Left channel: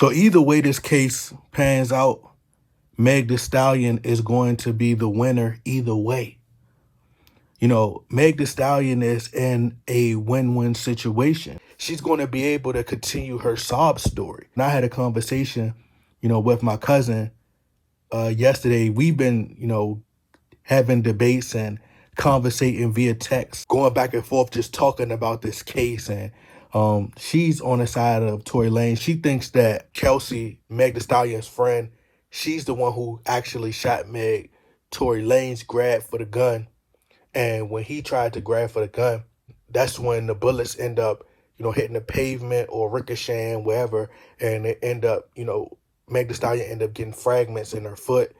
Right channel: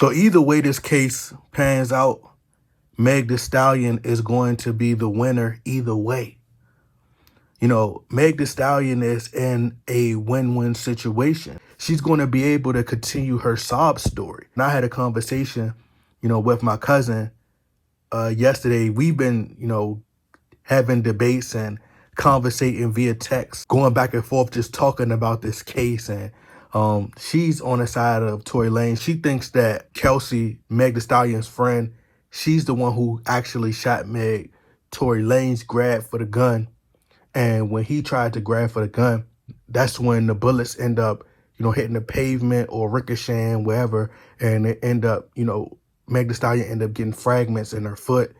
So either way this case pans out, Meg The Stallion is going to be the winner either way. You know, Meg The Stallion is in a win-win situation. She's going to be able to continue her sob story. And I had a conversation, with my cousin yesterday. We've been, having debates and conversating via text, going back and forth, just talking about this case. And she's on the side of Tory Lanez. She thinks that Kelsey, Meg The Stallion's friend, she's the one who actually shot Meg. Tory Lanez grabbed for the gun. And when he tried to grab for the gun, that's when the bullets end up, hitting the pavement or ricocheting, wherever. And it end up, Meg The Stallion end up getting fragments in her foot.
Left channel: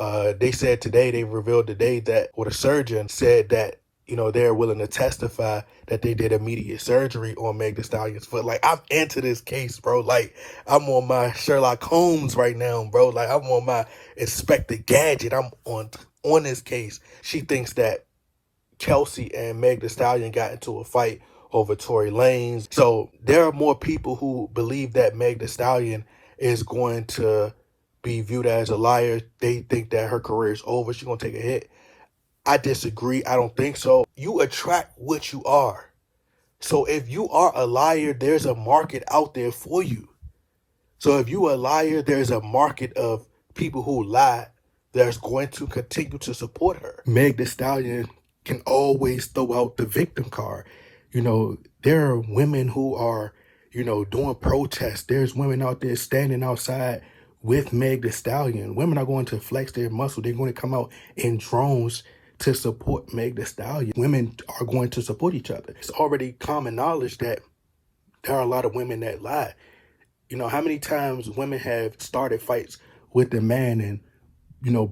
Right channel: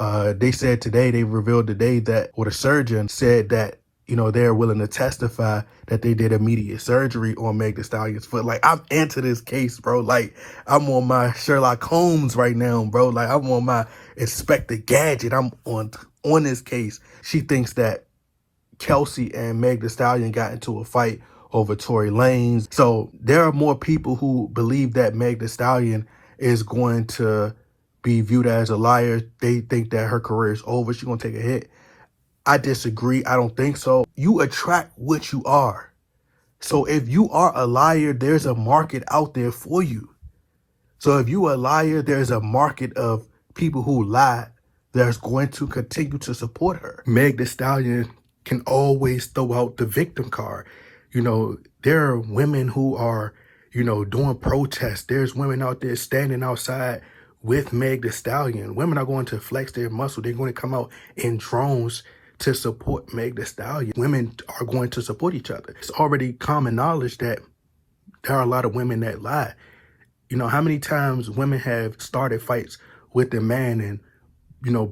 They said today, they revealed today that, or the surgeon said that, they're willing to testify that they did immediate surgery on Meg The Stallion's foot. Like, I'm into this case, bro. Like, I'm on my Sherlock Holmes right now, bro. Like, I'm on my Inspector Gadget. I'm on this case. She thinks that Kelsey and Meg The Stallion got into a fight over Tory Lanez. So there are more people who believe that Meg The Stallion is going to be viewed as a liar. They think that her career is over. She's going to take a hit. I disagree. I don't think so. You attract what you are. So if you are a liar, there's a market out there for you. So if you're a liar, there's a market of people who lie that's going to continue to support her. Meg The Stallion can always throw out the victim card. There are women who are, doing protests. There's women out there standing outside with Meg The Stallion. Women are going to flex their muscle. They're going to come out in drones to support Meg The Stallion. Women are going to support each other. It's already common knowledge that there are a lot of women that lie. How many times women have started fights with a man and,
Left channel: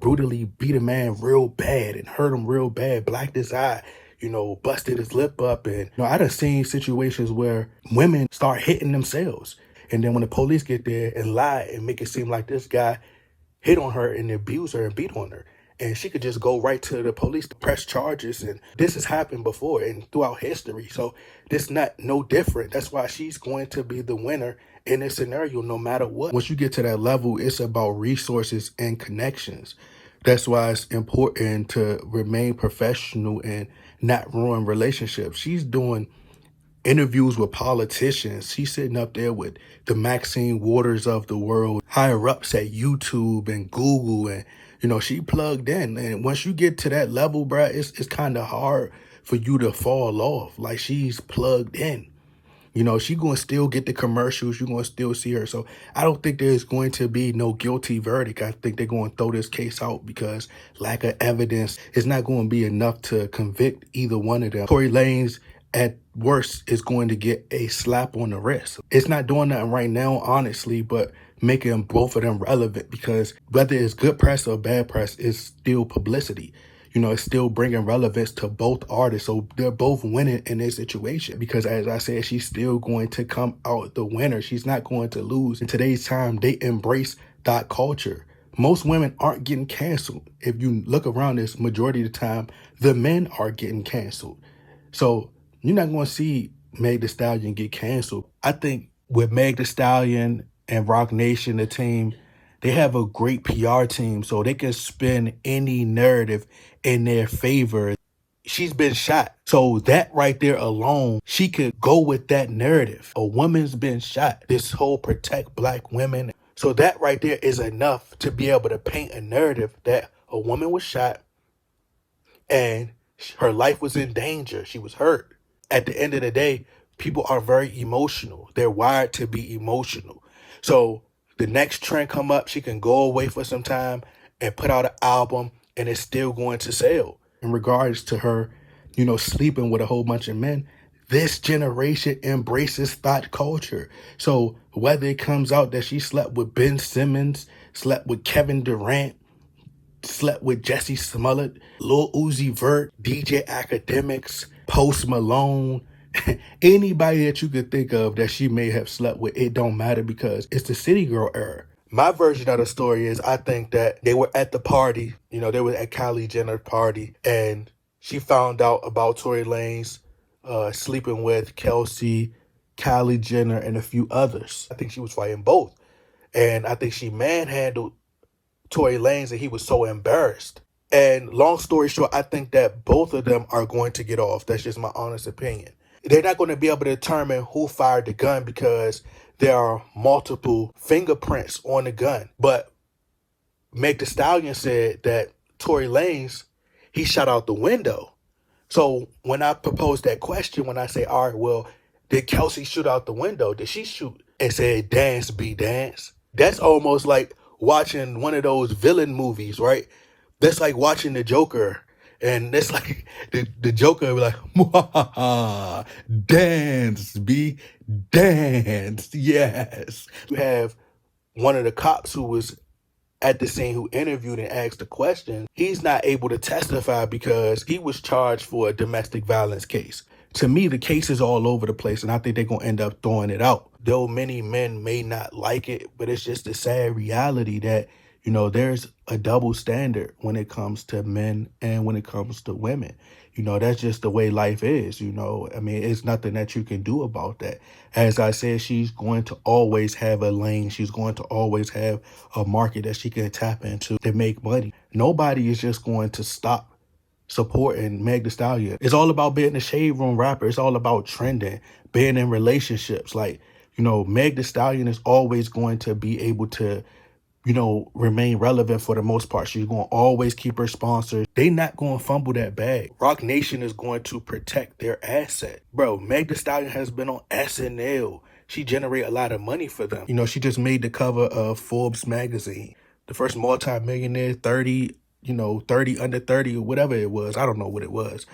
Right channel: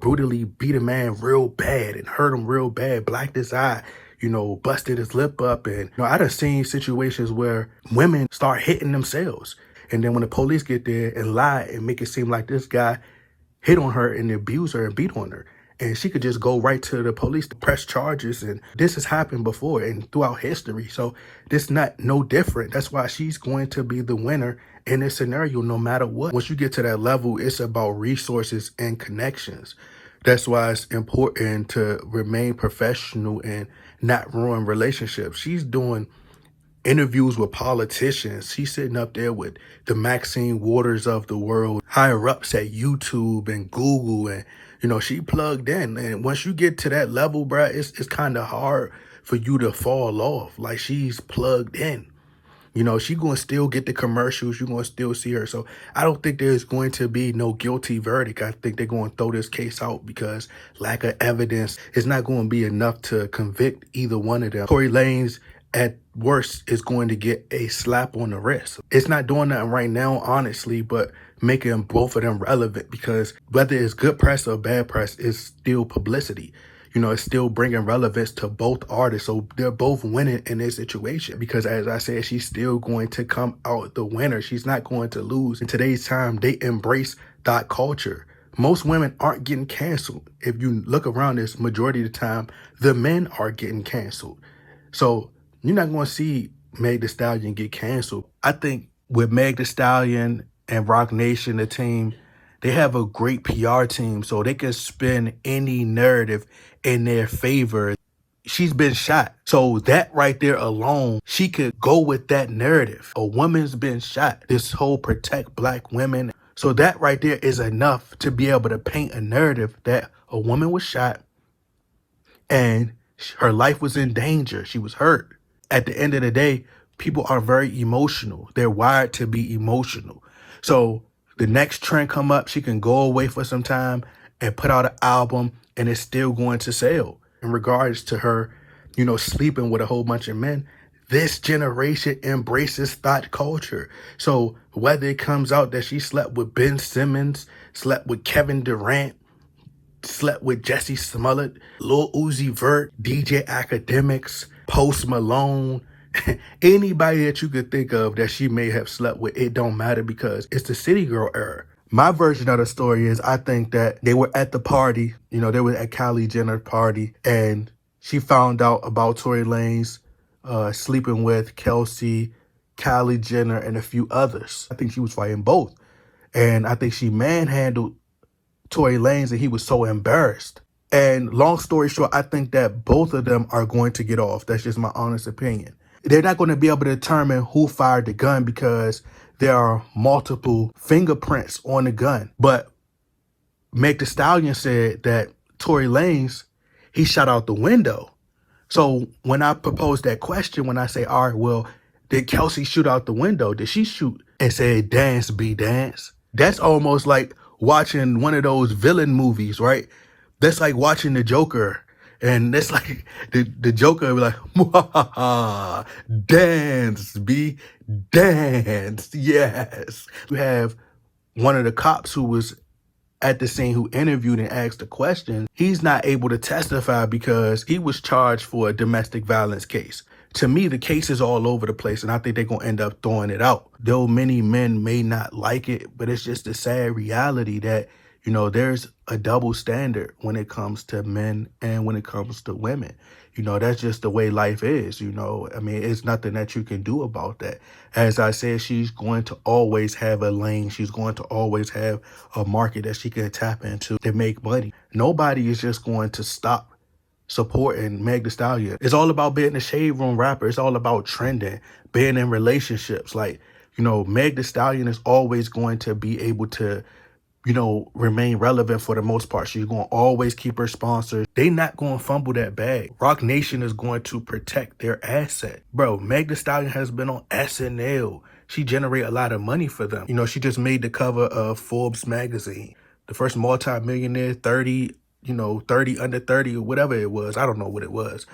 brutally beat a man real bad and hurt him real bad, blacked his eye, busted his lip up. And, I done seen situations where women start hitting themselves. And then when the police get there and lie and make it seem like this guy hit on her and abused her and beat on her, and she could just go right to the police to press charges. And this has happened before and throughout history. So this not no different. That's why she's going to be the winner in this scenario, no matter what. Once you get to that level, it's about resources and connections. That's why it's important to remain professional and not ruin relationships. She's doing interviews with politicians. She's sitting up there with the Maxine Waters of the world, higher ups at YouTube and Google, and she plugged in. And once you get to that level, bruh, it's kind of hard for you to fall off. Like, she's plugged in. She going to still get the commercials. You're going to still see her. So I don't think there's going to be no guilty verdict. I think they're going to throw this case out because lack of evidence is not going to be enough to convict either one of them. Tory Lanez, at worst, is going to get a slap on the wrist. It's not doing nothing right now, honestly, but making both of them relevant, because whether it's good press or bad press, it's still publicity. It's still bringing relevance to both artists. So they're both winning in this situation because, as I said, she's still going to come out the winner. She's not going to lose. In today's time, they embrace that culture. Most women aren't getting canceled. If you look around this, majority of the time, the men are getting canceled. So you're not going to see Meg The Stallion get canceled. I think with Meg The Stallion and Roc Nation, the team, they have a great PR team, so they can spin any narrative in their favor. She's been shot. So that right there alone, she could go with that narrative. A woman's been shot. This whole protect black women. So that right there is enough to be able to paint a narrative that a woman was shot and her life was in danger. She was hurt. At the end of the day, people are very emotional. They're wired to be emotional. So the next trend come up, she can go away for some time and put out an album and it's still going to sell. In regards to her, sleeping with a whole bunch of men, this generation embraces thought culture. So whether it comes out that she slept with Ben Simmons, slept with Kevin Durant, slept with Jesse Smollett, Lil Uzi Vert, DJ Academics, Post Malone, anybody that you could think of that she may have slept with, it don't matter because it's the city girl era. My version of the story is I think that they were at the party, they were at Kylie Jenner's party, and she found out about Tory Lanez sleeping with Kelsey, Kylie Jenner, and a few others. I think she was fighting both. And I think she manhandled Tory Lanez, and he was so embarrassed. And long story short, I think that both of them are going to get off. That's just my honest opinion. They're not going to be able to determine who fired the gun because there are multiple fingerprints on the gun. But Meg The Stallion said that Tory Lanez, he shot out the window. So when I proposed that question, when I say, all right, well, did Kelsey shoot out the window? Did she shoot and said, dance, be dance? That's almost like watching one of those villain movies, right? That's like watching the Joker. And that's like the Joker be like, dance, be dance. Yes. You have one of the cops who was at the scene who interviewed and asked the question. He's not able to testify because he was charged for a domestic violence case. To me, the case is all over the place, and I think they're going to end up throwing it out. Though many men may not like it, but it's just a sad reality that, you know, there's a double standard when it comes to men and when it comes to women. You know, that's just the way life is, you know. I mean, it's nothing that you can do about that. As I said, she's going to always have a lane. She's going to always have a market that she can tap into to make money. Nobody is just going to stop supporting Meg The Stallion. It's all about being a shade room rapper. It's all about trending, being in relationships. Like, you know, Meg The Stallion is always going to be able to, you know, remain relevant for the most part. She's going to always keep her sponsors. They not going to fumble that bag. Rock Nation is going to protect their asset. Bro, Meg The Stallion has been on SNL. She generate a lot of money for them. You know, she just made the cover of Forbes magazine. The first multi-millionaire, 30 under 30 or whatever it was. I don't know what it was,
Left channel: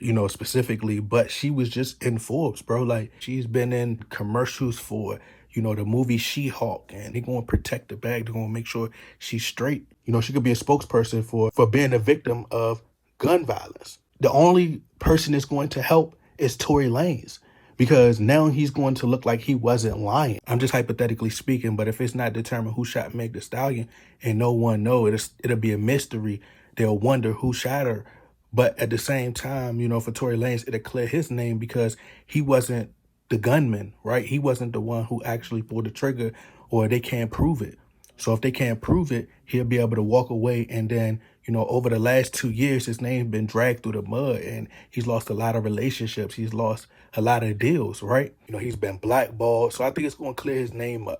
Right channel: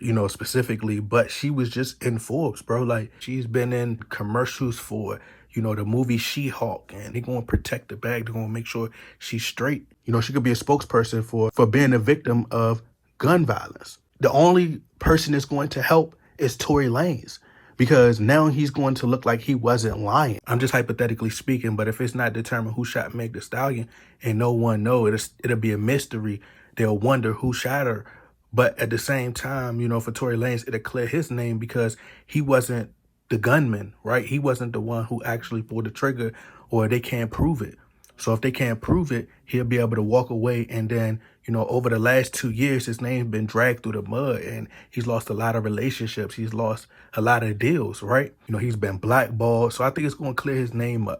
you know, specifically, but she was just in Forbes, bro. Like, she's been in commercials for, you know, the movie She-Hulk, and they're going to protect the bag. They're going to make sure she's straight. You know, she could be a spokesperson for being a victim of gun violence. The only person that's going to help is Tory Lanez, because now he's going to look like he wasn't lying. I'm just hypothetically speaking, but if it's not determined who shot Meg The Stallion and no one knows, it'll be a mystery. They'll wonder who shot her. But at the same time, you know, for Tory Lanez, it'll clear his name because he wasn't the gunman, right? He wasn't the one who actually pulled the trigger, or they can't prove it. So if they can't prove it, he'll be able to walk away. And then, you know, over the last 2 years, his name's been dragged through the mud, and he's lost a lot of relationships. He's lost a lot of deals, right? You know, he's been blackballed. So I think it's going to clear his name up.